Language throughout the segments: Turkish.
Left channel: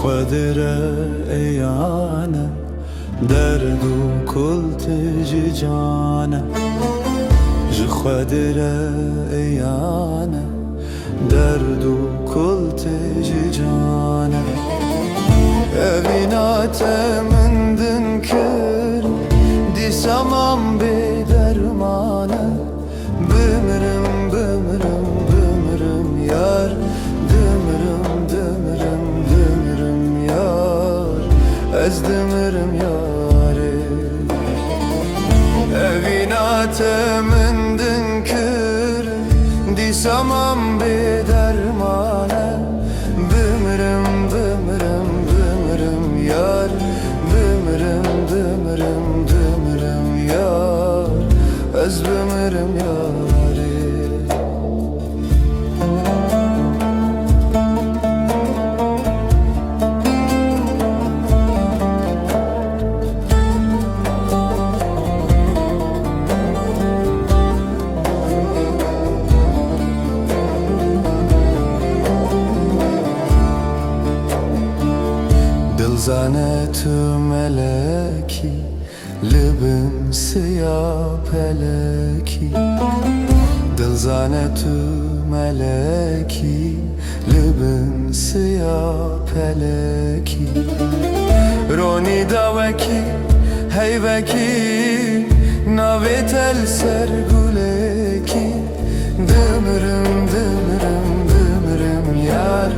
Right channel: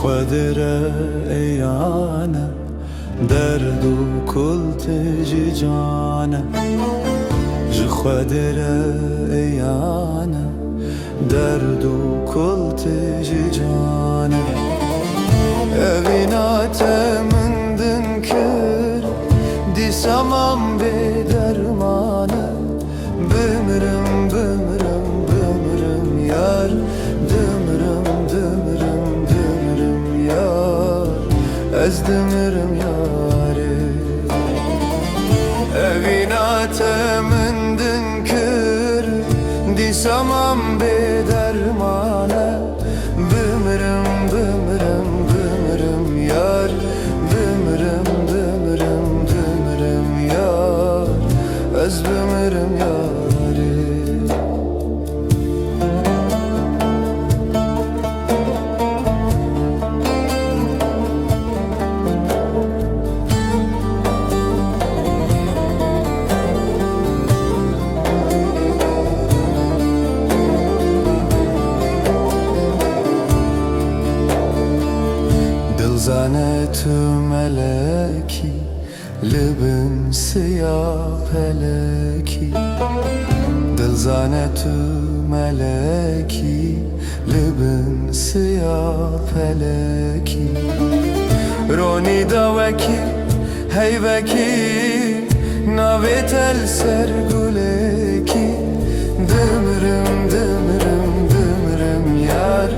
خودره ایانه درد و کلت جانه جی خودره ایانه درد و کلت جانه evینات مندن کر دیسامم به درمانه بمرم بمرم بمرم یار دمرم دمرم دمرم yar ez demirim yare evînate min din kir dîsamam bê dermane bimirim bimirim bimirim yar bimirim bimirim bimirim yar ez bimirim yare Zanet meleki Libin siyah peleki Dil zanet meleki Libin siyah peleki Roni daveki heyveki Navet el serguleki Dimirim dimirim dimirim yar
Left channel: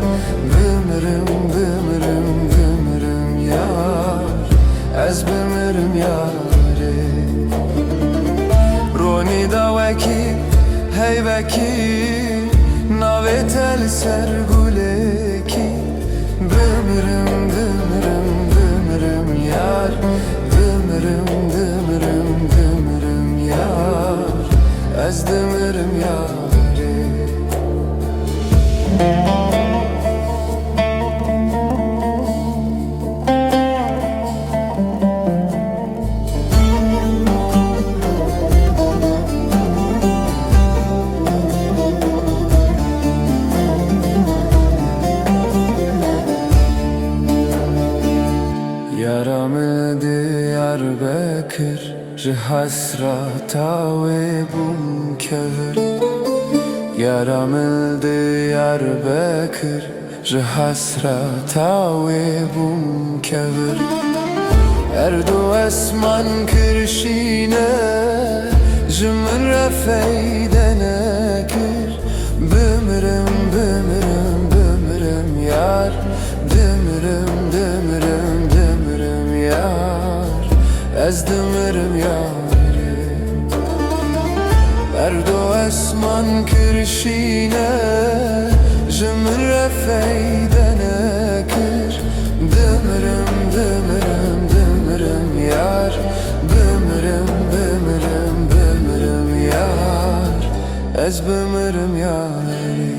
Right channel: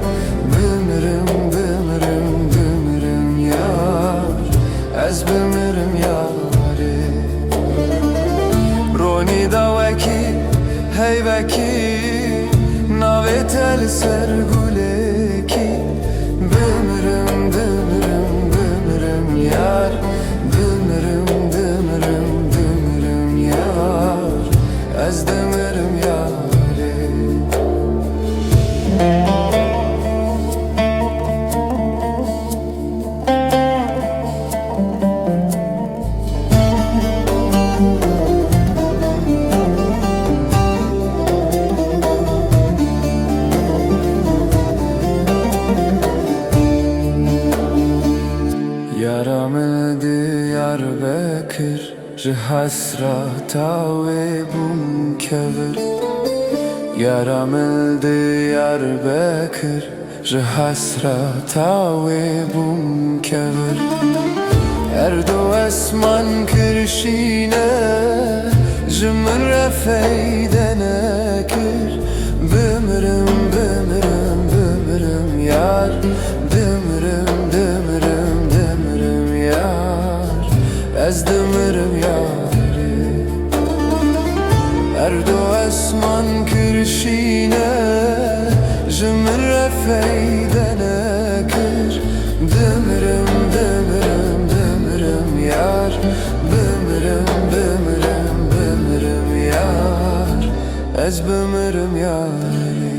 Bimirim bimirim bimirim yar Ez bimirim yare Roni daveki heyveki Navet el serguleki Bimirim bimirim bimirim yar Dimirim dimirim dimirim yar Ez dimirim yare Yaramı Diyarbakır Hasrata ve bum kevir Yaramı Diyarbakır Hasrata ve bum kevir Erdo esman kirşine Jümün refeydene kir Bimirim bimirim bimirim yar Dimirim dimirim dimirim yar Ez dimirim yari Erdo esman kirşine Jümün refeydene kir Dimirim dimirim dimirim yar Bimirim bimirim bimirim yar Ez bimirim yari